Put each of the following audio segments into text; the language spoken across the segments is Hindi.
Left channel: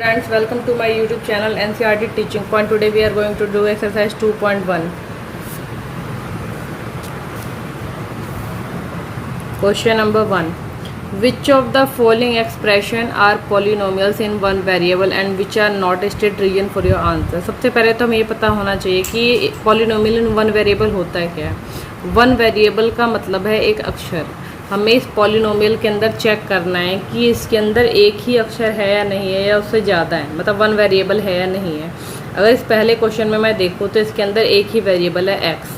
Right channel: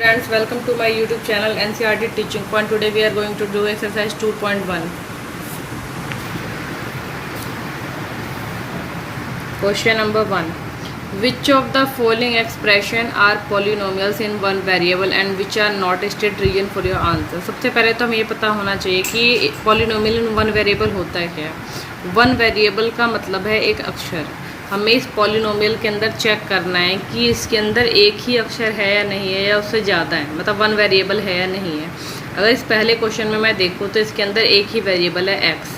Friends, welcome to my YouTube channel NCERT Teaching Point. Today we are going to do exercise 2.1. Question number 1. Which of the following expression are polynomials in one variable and which are not a state region for your answer? सबसे पहले तो हमें ये पता होना चाहिए कि polynomial in one variable होता है क्या. वन वेरिएबल का मतलब है एक अक्षर. हमें इस पॉलिनोमियल के अंदर चेक करना है कि इसके अंदर एक ही अक्षर है या नहीं है या उससे ज़्यादा है, मतलब वन वेरिएबल है या नहीं है. अगर इस पहले क्वेश्चन में मैं देखूँ तो इसके अंदर एक ही वेरिएबल है एक्स,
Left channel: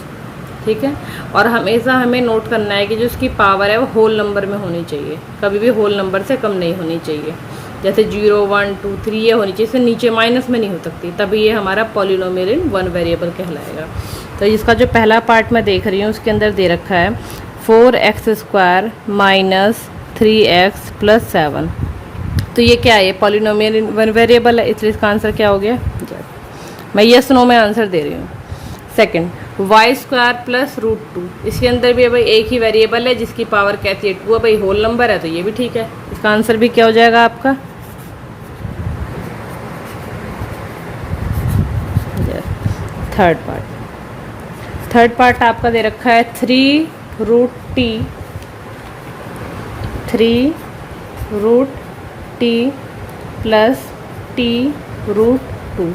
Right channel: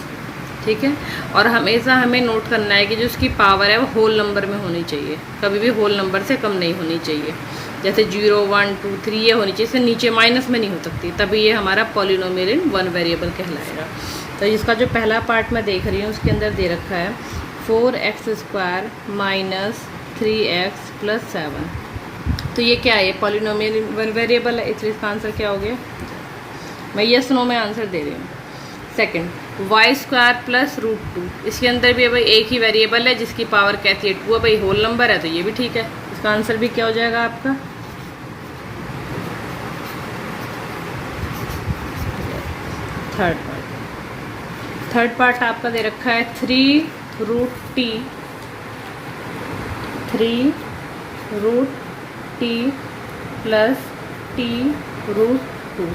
ठीक है. और हमेशा हमें नोट करना है कि जो इसकी पावर है वो होल नंबर में होनी चाहिए, कभी भी होल नंबर से कम नहीं होनी चाहिए. जैसे 0 1 2 3 ये होनी चाहिए, इससे नीचे माइनस में नहीं हो सकती, तभी ये हमारा पॉलिनोमियल इन वन वेरिएबल कहलाएगा. तो इसका जो पहला पार्ट मैं देख रही हूँ उसके अंदर दे रखा है 4x² माइनस 3x प्लस 7. तो ये क्या है? पॉलिनोमियल इन वन वेरिएबल है, इसलिए इसका आंसर क्या हो गया? मैं यस नो में आंसर दे रही हूँ. Second, y² plus √2. इसके अंदर भी भाई एक ही वेरिएबल है जिसकी पावर कैसी है 2 है, भाई होल नंबर है तो ये भी ठीक है. इसका आंसर भी क्या हो जाएगा आपका? थर्ड पार्ट आपका दे रखा है 3√t प्लस t√2.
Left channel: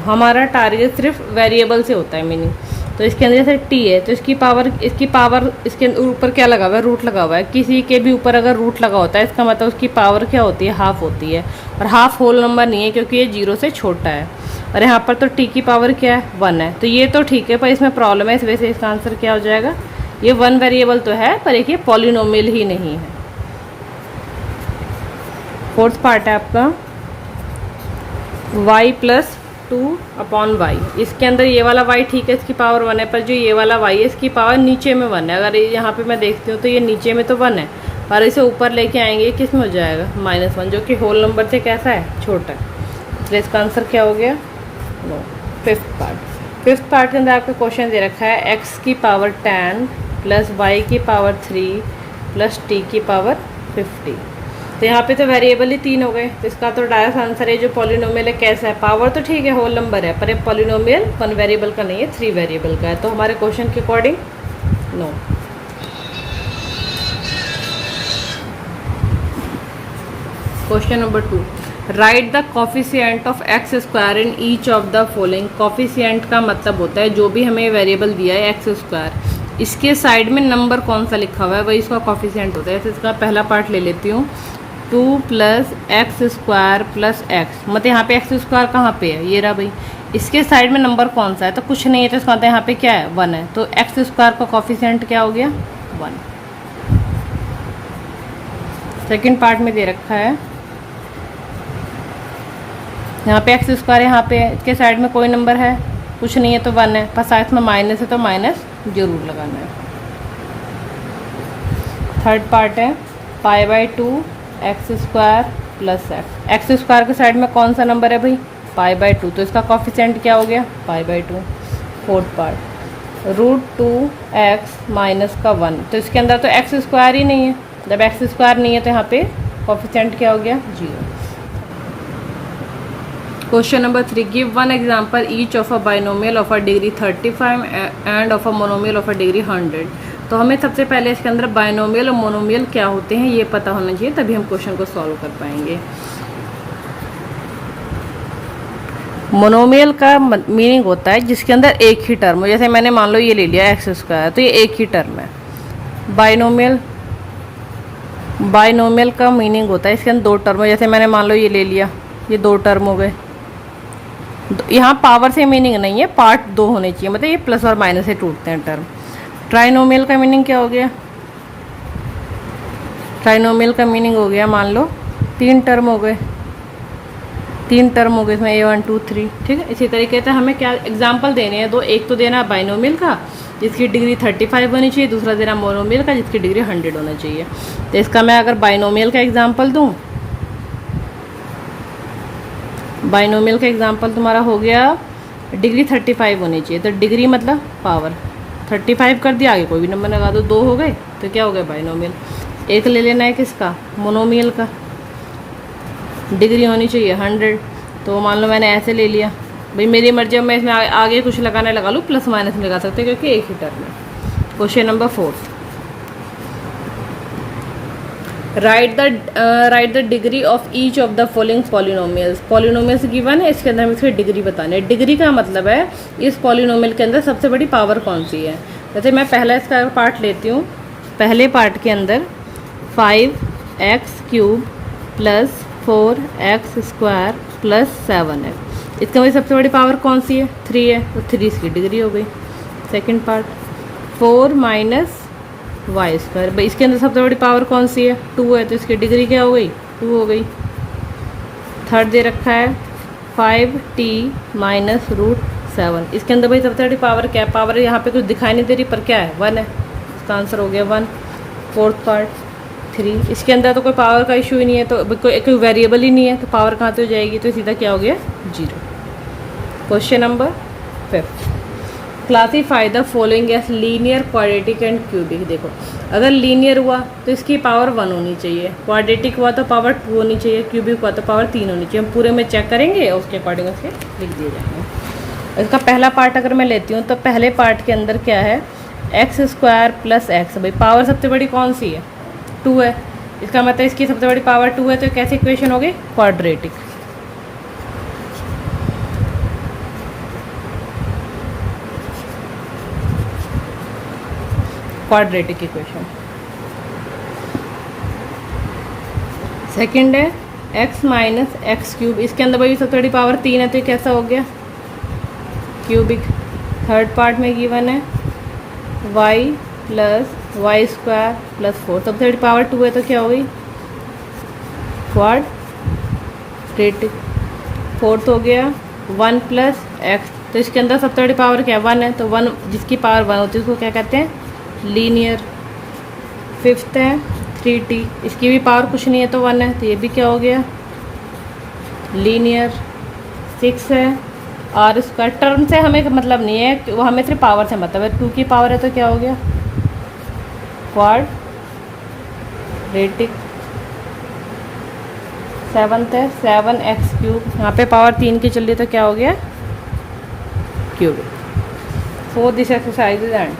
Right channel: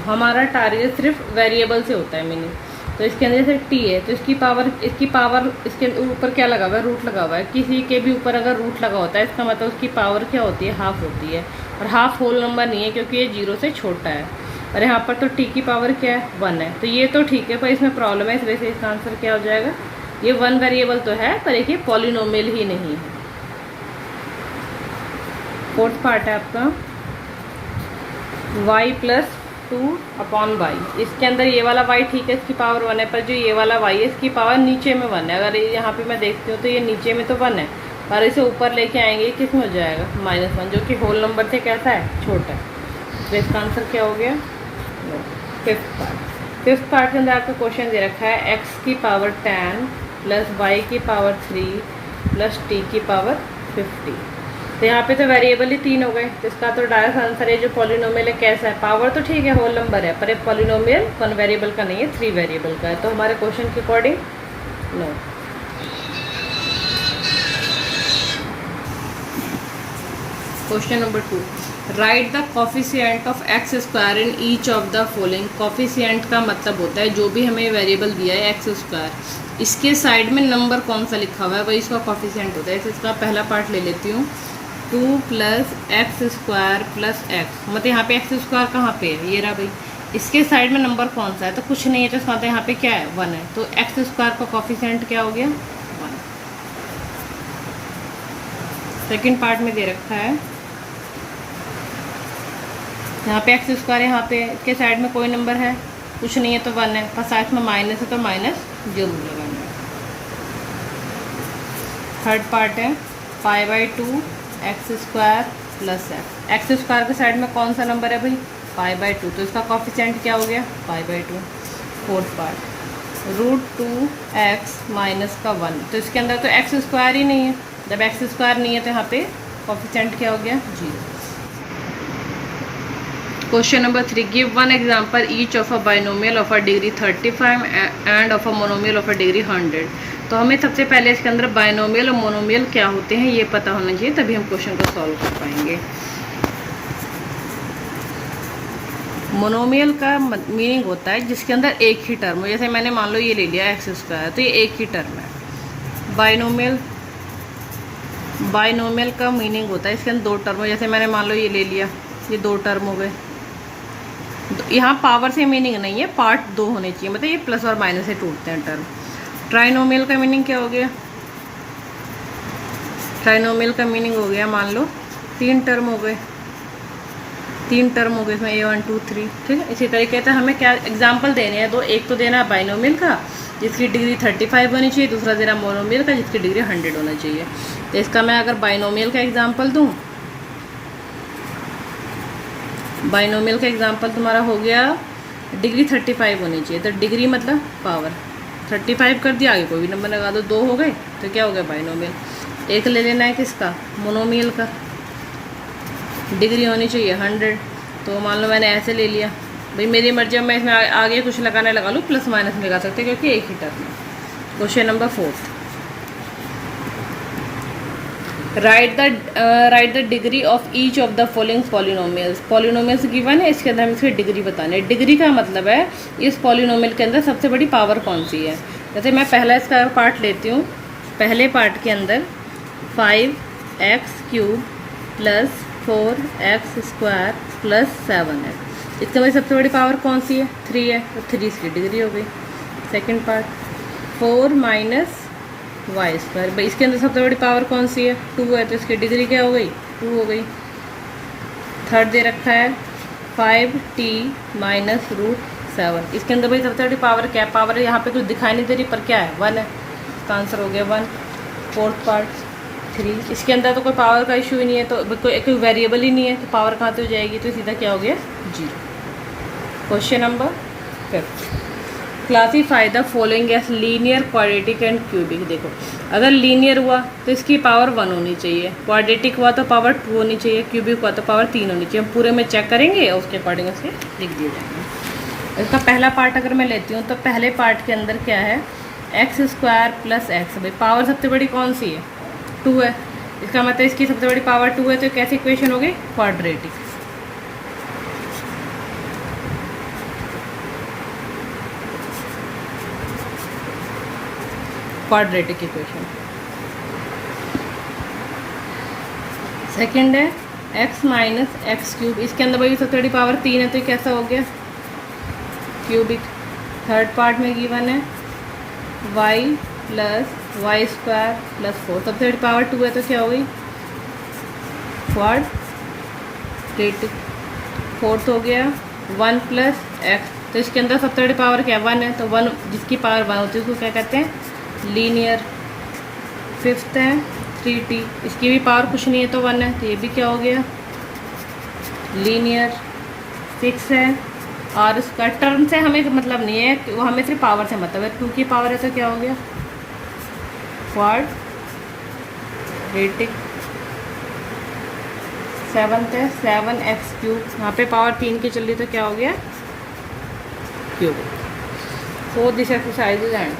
हमारा टारगेट सिर्फ वेरिएबल से होता है मीनिंग. तो इसके अंदर जैसे t है तो इसकी पावर इसके ऊपर क्या लगा हुआ है? रूट लगा हुआ है. किसी के भी ऊपर अगर रूट लगा होता है इसका मतलब उसकी पावर क्या होती है? हाफ होती है. और हाफ होल नंबर नहीं है क्योंकि ये 0 से छोटा है. और यहाँ पर तो t की पावर क्या है? 1 है. तो ये तो ठीक है, पर इसमें प्रॉब्लम है, इस वजह से इसका आंसर क्या हो जाएगा? ये वन वेरिएबल तो है पर एक ये पॉलिनोमियल ही नहीं है. फोर्थ पार्ट है आपका y प्लस 2/y. इसके अंदर ये वाला y ठीक है, इसकी पावर 1 है, पर जो ये वाला y है इसकी पावर नीचे में 1 है. अगर यहाँ पे मैं देखती हूँ तो ये नीचे में तो 1 है, पर इसे ऊपर लेके आएंगे किस में हो जाएगा? -1, जो कि होल नंबर से कैसा है? छोटा है. तो इसका आंसर क्या हो गया? नो. फिफ्थ पार्ट के अंदर आपको क्वेश्चन दे रखा है x की पावर 10 प्लस y की पावर 3 प्लस t की पावर 50. तो यहाँ पे तो वेरिएबल ही 3 हो गए, तो इसका तो डायरेक्ट आंसर है जो पॉलिनोमियल है कैसा है? पावर तो ठीक है, होल नंबर है, पर ये पॉलिनोमियल वन वेरिएबल का नहीं है, 3 वेरिएबल का है. तो हमारे क्वेश्चन के according no. Question number 2. Write the coefficient of x² in each of the following. Coefficient का मतलब होता है जो भी हमें वेरिएबल दिया है x², इसके साइड में नंबर कौन सा लिखा हुआ है वही इसका कॉफिशिएंट होता है. इसका पहला पार्ट ले लेती हूँ. 2 प्लस x² प्लस x, मतलब यहाँ पे x² कहाँ पे है? ये रहा भाई. इसके साइड में नंबर कौन सा है? तो कुछ नहीं है, तो इसका मतलब यहाँ पे क्या है? 1 है. तो x² का कॉफिशिएंट क्या हो गया? 1. सेकंड पार्ट में दे रखा है यहाँ पे x², यहाँ पे इसके साइड में कोई नंबर है? कुछ नहीं है तो 1 है, पर साइड में माइनस है तो माइनस जरूर लगाना है. थर्ड पार्ट है π/2 x² प्लस x² के साइड में कौन सा नंबर है भाई? π/2, तो इसका कॉफिशिएंट क्या हो गया? π/2. फोर्थ पार्ट √2x माइनस का 1. तो इसके अंदर तो x² ही नहीं है, जब x² नहीं है तो यहाँ पे कॉफिशिएंट क्या हो गया? 0. Question number 3. Give one example each of a binomial of a degree 35 end of a monomial of a degree 100. तो हमें सबसे पहले इसके अंदर बाइनोमियल और मोनोमियल क्या होते हैं ये पता होना चाहिए, तभी हम क्वेश्चन को सॉल्व कर पाएंगे. मोनोमियल का मीनिंग होता है जिसके अंदर एक ही टर्म हो. जैसे मैंने मान लो ये ले लिया x², तो ये एक ही टर्म है. बाइनोमियल का मीनिंग होता है इसके अंदर 2 टर्म हो. जैसे मैंने मान लो ये ले लिया, ये 2 टर्म हो गए. यहाँ पावर से मीनिंग नहीं है, पार्ट 2 होने चाहिए, मतलब ये प्लस और माइनस से टूटते हैं टर्म. ट्राइनोमियल का मीनिंग क्या हो गया? ट्राइनोमियल का मीनिंग हो गया मान लो 3 टर्म हो गए, इसमें A1 2 3, ठीक है. इसी तरीके से हमें क्या एग्जाम्पल देने हैं? 2. एक तो देना है बाइनोमियल का जिसकी डिग्री 35 होनी चाहिए, दूसरा देना मोनोमियल का जिसकी डिग्री 100 होना चाहिए. तो इसका मैं अगर बाइनोमियल का एग्जाम्पल दूँ, बाइनोमियल का एग्जाम्पल तुम्हारा हो गया डिग्री 35 होनी चाहिए, तो डिग्री मतलब पावर 35 कर दिया, आगे कोई भी नंबर लगा दो, 2 हो गए, तो क्या हो गया? बाइनोमियल. एक ले लेना है किसका? मोनोमियल का. डिग्री होनी चाहिए 100, तो मान लो मैंने ऐसे ले लिया, भाई मेरी मर्जी, अब मैं इसमें आगे कुछ लगाना लगा लूँ, प्लस माइनस में लगा सकते हैं क्योंकि एक ही टर्म है। Question number 4, right the degree of each of the following polynomials. Polynomials given है, इसके अंदर हमें इसकी डिग्री बतानी है। डिग्री का मतलब है इस पॉलिनोमियल के अंदर सबसे बड़ी पावर कौन सी है। जैसे मैं पहला इसका पार्ट लेती हूँ, पहले पार्ट के अंदर 5x³ plus 4x² plus 7x, इसका वही सबसे बड़ी पावर कौन सी है, 3 है, तो 3 इसकी डिग्री हो गई। सेकेंड पार्ट 4 माइनस y², भाई इसके अंदर सबसे बड़ी पावर कौन सी है, 2 है, तो इसकी डिग्री क्या हो गई, 2 हो गई। थर्ड दे रखा है 5t माइनस √7, इसके अंदर भाई सबसे बड़ी पावर क्या है, पावर यहाँ पे कुछ दिखाई नहीं दे रही पर क्या है, 1 है, इसका आंसर हो गया 1। फोर्थ पार्ट 3, इसके अंदर तो कोई पावर का इशू ही नहीं है, तो कोई वेरिएबल ही नहीं है, तो पावर कहाँ से हो जाएगी, तो सीधा क्या हो गया 0। Question number 5, classify the following as linear, quadratic and cubic. देखो अगर लीनियर हुआ तो इसकी पावर 1 होनी चाहिए, क्वाड्रेटिक हुआ तो पावर 2 होनी चाहिए, क्यूबिक हुआ तो पावर 3 होनी चाहिए। हम पूरे में चेक करेंगे और उसके अकॉर्डिंग उसके लिख दिए जाएंगे। इसका पहला पार्ट अगर मैं लेती हूँ तो पहले पार्ट के अंदर क्या है, x² प्लस x, भाई पावर सबसे बड़ी कौन सी है, 2 है, इसका मतलब इसकी सबसे बड़ी पावर 2 है, तो कैसी इक्वेशन हो गई, क्वाड्रेटिक। Quadratic equation. सेकंड है x माइनस x³, इसके अंदर भाई सबसे बड़ी पावर 3 है, तो ये कैसा हो गया, क्यूबिक। थर्ड पार्ट में गिवन है y प्लस y² प्लस 4, सबसे बड़ी पावर 2 है, तो क्या हो गई, क्वाड्रेटिक। फोर्थ हो गया 1 प्लस x, तो इसके अंदर सबसे बड़ी पावर क्या है, 1 है, तो 1 जिसकी पावर 1 होती है उसको क्या कहते हैं, लीनियर। फिफ्थ है 3t, इसकी भी पावर कुछ नहीं है तो 1 है, तो ये भी क्या हो गया, लीनियर। 6 है r², टर्म से हमें मतलब नहीं है, वो हमें सिर्फ पावर से मतलब है, 2 की पावर है तो क्या हो गया, क्वाड्रेटिक। 7th है 7x³, यहाँ पे पावर 3 की चल रही तो क्या हो गया, क्यूबिक। 4 this exercise and